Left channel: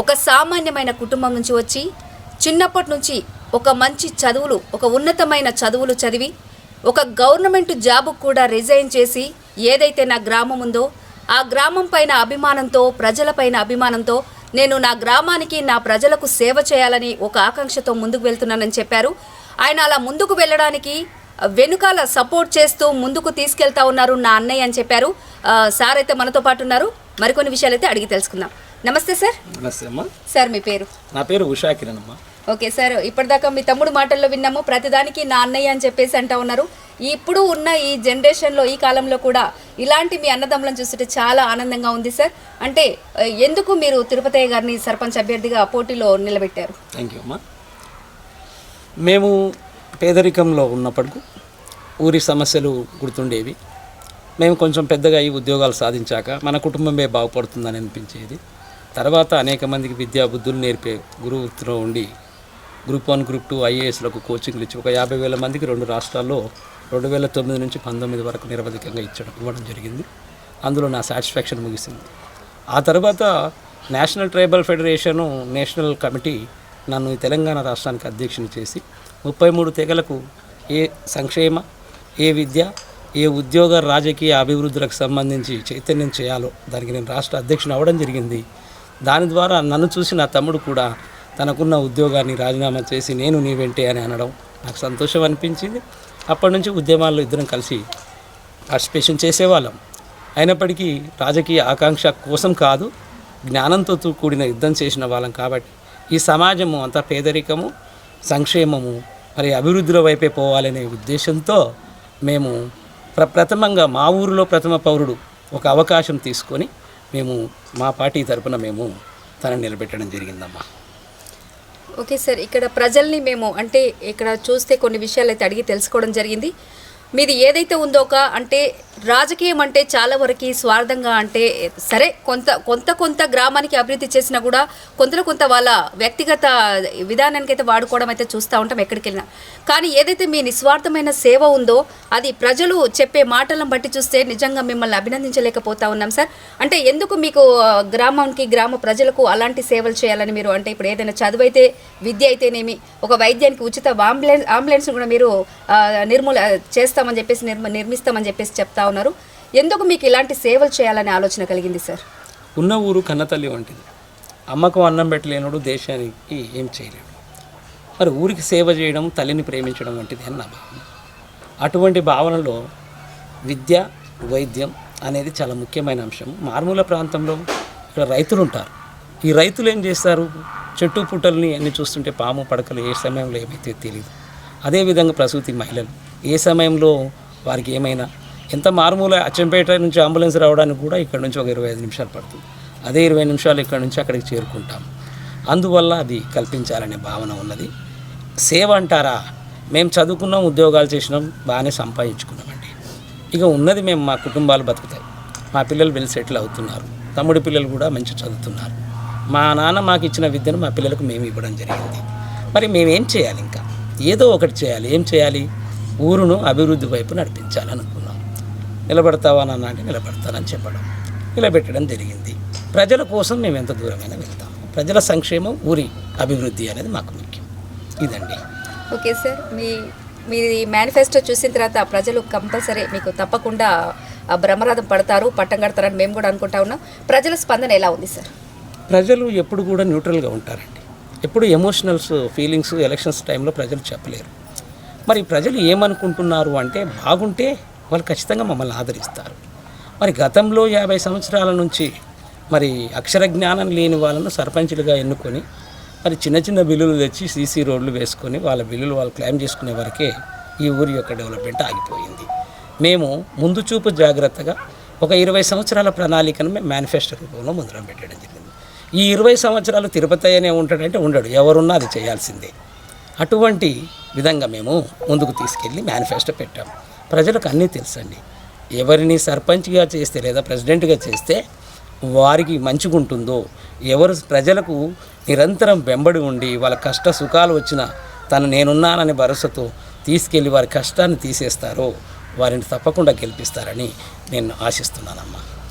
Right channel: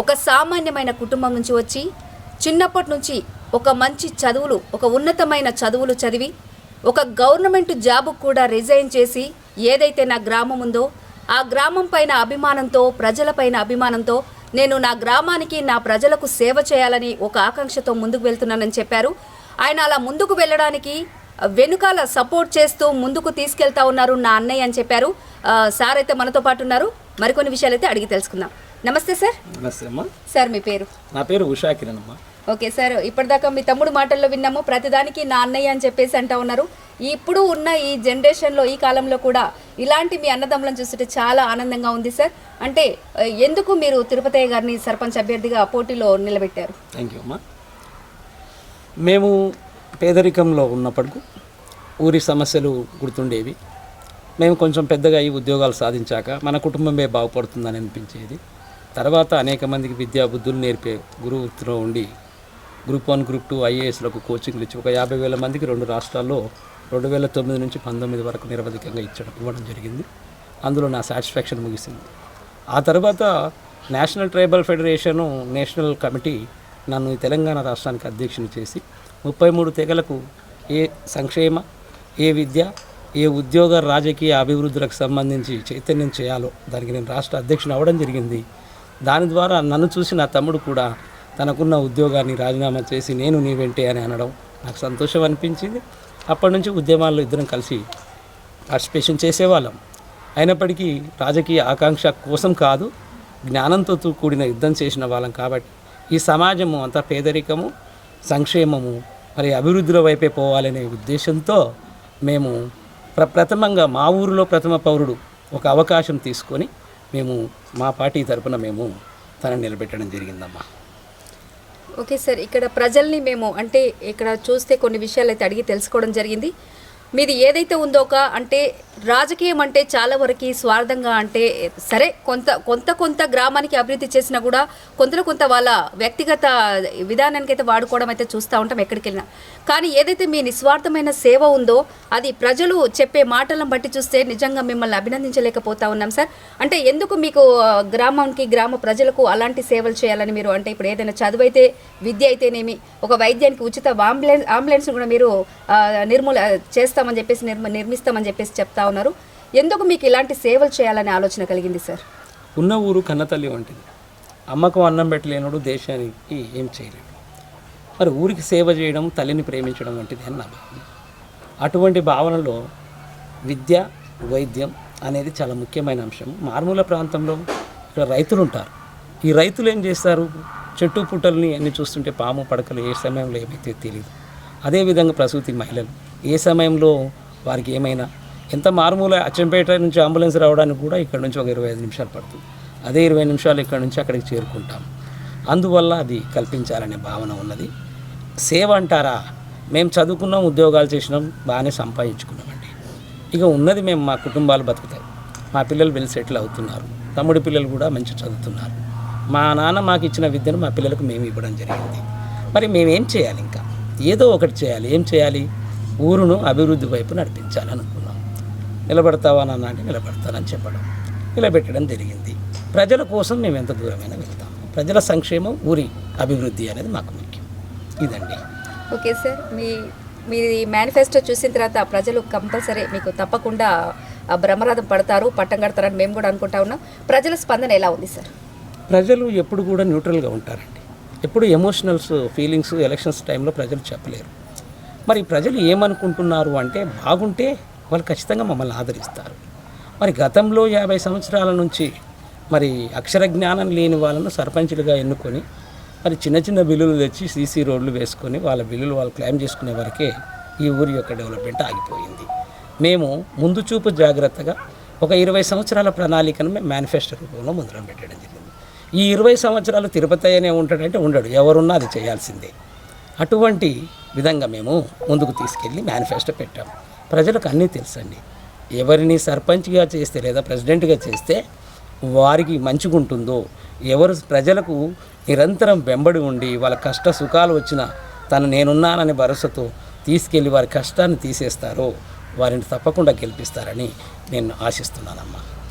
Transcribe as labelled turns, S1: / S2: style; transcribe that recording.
S1: ఒక సామాన్యమైన కుటుంబం నుంచి వచ్చి చిన్నప్పటి నుంచి ఒక మంచి చదువులు ఒక ఉన్నతమైన చదువులు చదివి ఒక గవర్నమెంట్ జాబ్ కూడా రిజైన్ చేసి ఏదైతే నా గ్రామం ఉందో ఆ గ్రామం పైన అభిమానంతో ప్రజలపైన అభిమానంతో నేను నా గ్రామానికి నా ప్రజలకు సేవ చేయాలని ఒక ఆకాంక్షతో ముందుకు వెళ్తున్నానని చెప్పారు. ఆయన అలా ముందుకు వెళ్ళడానికి వెనుకాల సపోర్ట్ చేస్తూ ముందుకు తీసుకెళ్తా ఉన్నారు నా అన్నయ్య అని చెప్పారు. సార్ అయితే మనతో పాటు ఉన్నారు. మరికొన్ని విషయాలు అయితే అడిగి తెలుసుకుందాం. నమస్తే సార్.
S2: నమస్తే అమ్మా.
S1: సార్ మీ పేరు?
S2: నా పేరు ఉషా కిరణ్ అమ్మా.
S1: ఓకే సార్ ఇప్పటిదాకా మీ తమ్ముడు మాటల్లో విన్నాము. ప్రతిదానికి నా అన్నయ్య అని చెప్పేసి అంటా ఉన్నారు. ఇప్పుడు ఉన్న ఈ జనరేషన్లో ఈ కాలంలో కూడా ఇలాంటి మీ అన్నదమ్ములను చూస్తుంటే చాలా ఆనందంగా ఉంది సార్. అంటే ఎందుకు మీరు తిరుపతయ్య గారిని సర్పంచ్ అభ్యర్థిగా పోటీలో నిలబెట్టారు?
S2: థ్యాంక్ యూ అమ్మా. మేము పేదరికంలో ఉన్నప్పటికీ ఊరి సమస్యలు గుర్తుండేవి. మేము కొంచెం పెద్దగా ఈ ఉద్యోగాలు సాధించాక మన కుటుంబమే బాగుపడుతుందని అనిపించేది. తర్వాత అనేక మందికి విద్యా బుద్ధులు నేర్పే గురువుతో ఉండి గ్రూప్ వన్ గ్రూప్ టూ ఐఏఎస్లకు కోచింగ్లు ఇచ్చి ఒక యాభై వేల మందికి రెండు రాష్ట్రాల్లో రెండు వేల తొమ్మిది నుంచి పంతొమ్మిది వరకు నిరవధికంగా ఇచ్చడం ఇవ్వడం జరిగింది. అందులో నా సాటిస్ఫాక్షన్ ముగిసింది. ఆ తర్వాత national tribal federation national committee నన్ను ఈ తెలంగాణ రాష్ట్రానికి అధ్యక్షుని చేసి ముప్పై మూడు తెగలకు ఏ సంక్షేమ ఏ విద్య ఏ ఉద్యోగ రాజకీయ అభివృద్ధులకు సంబంధించి చైతన్యం చేయాలో దానికి నేను రాష్ట్ర అధ్యక్షుని అవ్వడం జరిగింది. దాని ద్వారా నన్ను చూసి నా తమ్ముడు కూడా తనకున్న ఉద్యోగాన్ని రాజీనామా చేసి నేను నీ వెంటే అని అనడం నాకు సంతోషం అనిపించింది. అప్పటి నుంచి ఉద్యమాల్లో ఇద్దరం కలిసి పార్టిసిపేషన్ చేసేవాళ్ళం. అయినప్పటికీ రాజకీయ ఆకాంక్ష కోసం కాదు జ్ఞానంతో కూడిన యుద్ధం చేసిన వాళ్ళం కాబట్టి ఈ సమాజము అంతా పేదరికము సంక్షేమము మరి అభివృద్ధిలో వైపే పోవాలనే ఉద్దేశంతో మేము ప్ర ప్రథమంగా మా ఊరిలో ప్రథమ పౌరుడు ఒక అవకాశం తీసుకొని మేము మా పార్టీ తరపున మేము తనని నిలబెట్టడం జరిగిందమ్మా.
S1: ఓకే సార్ ఇక్కడ ప్రజల్ని మేము అంటే ఇక్కడ చూస్తే కొన్ని విషయాలు అయితే అడిగి తెలుసుకోవడం జరిగింది. మీది ఏదైతే ఉందో ఒక అంటే రాజకీయం అంటే చాలా వరకు స్వార్థంగా అంటే సరే కొంత కొంత కొంత గ్రామానికి అభివృద్ధి చేసినా కూడా కొంతలో కొంత వాళ్ళ వ్యక్తిగత విధానానికి అయితే వాడుకోవడం అయితే చూస్తూ ఉంటాం ఎక్కడికి వెళ్ళినా కానీ ఏదైతే మీ నిస్వార్థమైన సేవ ఉందో అది ప్రజలు చెప్పే మాటలను బట్టి చూస్తే నిజంగా మిమ్మల్ని అభినందించలేకపోతా ఉన్నాం సార్. అంటే ఎందుకు మీకు గ్రామానికి గ్రామ ప్రజలకు అలాంటి సేవలు చేయాలని మీరు అంటే ఇప్పుడు ఏదైనా చదువు అయితే విద్య అయితేనేమి ఒక వైద్యానికి ఉచిత అంబులెన్స్ అంబులెన్స్ కూడా మీరు నిర్మూల చేస్తా చేస్తామని చెప్పేసి నిర్మ నిర్మిస్తామని చెప్పేసి చెప్తా ఉన్నారు. ఎందుకు మీకు ఇలాంటి సేవలు చేయాలనే ఆలోచన కలిగింది సార్?
S2: ఉన్న ఊరు కన్నతల్లి వంటిది. అమ్మకు అన్నం పెట్టలేనుడు దేశానికి ఏం చేయలేడు. మరి ఊరికి సేవ చేయడం తల్లిని ప్రేమించడం వంటిది అని నా భావన. అటువంటి భావనలో విద్య వైద్యం అనేది చాలా ముఖ్యమైన అంశం. మారుమూల ప్రాంతంలో ఇక్కడ రైతులు ఉంటారు ఈ రైతులు ఏం చేస్తారు? చెట్టు పుట్టల్ని అన్ని చూస్తుంటే పాము పడకలు ఏ సమయంలో ఏమైతే తెలియదు అదేవిధంగా ప్రసూతి మహిళలు. ఏ సమయంలో వారికి ఏమైనా ఎంత మారుమూల అచ్చంపేట నుంచి అంబులెన్స్ రావడానికి కూడా ఇక్కడ నుంచి ఒక ఇరవై ఐదు నిమిషాలు పడుతుంది. అదే ఇరవై నిమిషాలు ఇక్కడ నుంచి అక్కడికి చేరుకుంటాం. అందువల్ల అది కల్పించాలనే భావన ఉన్నది. సేవ అంటారా? మేము చదువుకున్నాం ఉద్యోగాలు చేసినాం బాగానే సంపాదించుకున్నామండి. ఇక ఉన్నది మేము మా కుటుంబాలు బతుకుతాయి. మా పిల్లలు వెళ్ళి సెటిల్ అవుతున్నారు. తమ్ముడి పిల్లలు కూడా మంచి చదువుతున్నారు. మా నాన్న మాకు ఇచ్చిన విద్యను మా పిల్లలకు మేము ఇవ్వడం జరిగింది. మరి మేమేం చేయాలి ఇంకా? ఏదో ఒకటి చేయాలి. ఏం చేయాలి? ఊరును అభివృద్ధి వైపు నడిపించాలనుకున్నాం. నిలబడతావా నాన్న అంటే నిలబడతానని చెప్పడం నిలబెట్టడం జరిగింది. ప్రజల కోసం మేము ఎంత దూరమైనా వెళ్తాం. ప్రజల సంక్షేమం ఊరి అభివృద్ధి అనేది మాకు ముఖ్యం. ఇదండి.
S1: ఓకే సార్ మీ మీ మేనిఫెస్టో చూసిన తర్వాత ప్రజలు కంపల్సరీ మీకు తప్పకుండా బ్రహ్మరథం పడతారు పట్టం కడతారని మేము కూడా అనుకుంటా ఉన్నాం. ప్రజల స్పందన ఎలా ఉంది సార్?
S2: ప్రజలు ఎప్పుడు కూడా న్యూట్రల్గా ఉంటారండి. ఎప్పుడు ఎమోషనల్స్ ఫీలింగ్స్ ఎలక్షన్స్ టైంలో ప్రజలు చెప్పలేరు. మరి ప్రజలు ఏమనుకుంటున్నారు అంటే బాగుంటే వాళ్ళు ఖచ్చితంగా మమ్మల్ని ఆదరిస్తారు. మరి గతంలో యాభై సంవత్సరాల నుంచి మరి అక్షర జ్ఞానం లేని వాళ్ళను సర్పంచులుగా ఎన్నుకొని మరి చిన్న చిన్న బిల్లులు తెచ్చి సీసీ రోడ్లు వేసుకొని వాళ్ళ బిల్లులు వాళ్ళు క్లెయిమ్ చేసుకునే వరకే ఈ ఊరి యొక్క డెవలప్మెంట్ ఆగిపోయింది. మేము ముందు చూపు జాగ్రత్తగా ఒక ఇరవై సంవత్సరాల ప్రణాళికను మేము మేనిఫెస్టో రూపంలో ముందర పెట్టడం జరిగింది. ఈ ఇరవై సంవత్సరాలు తిరుపతి అనే ఉంటాడంటే ఉండడు ఎవరున్నా అది చేయాల్సిందే. అటువంటి విధంగా మేము ముందుకు తీసుకెళ్ళి మేనిఫెస్టో పెట్టాం. ప్రజలకు అన్నీ తెలుసండి. ఎవరిని సర్పంచ్గా చేస్తే లేదా ప్రెసిడెంట్గా చేస్తే వారికి మంచిగుంటుందో ఎవరు ప్రజలకు నిరంతరం వెంబడి ఉండి వాళ్ళ కష్ట సుఖాలు వచ్చిన తను నేనున్నాననే భరోసాతో తీసుకెళ్ళి వారి కష్టాన్ని తీసేస్తారో వారిని తప్పకుండా గెలిపిస్తారని నేను ఆశిస్తున్నానమ్మా.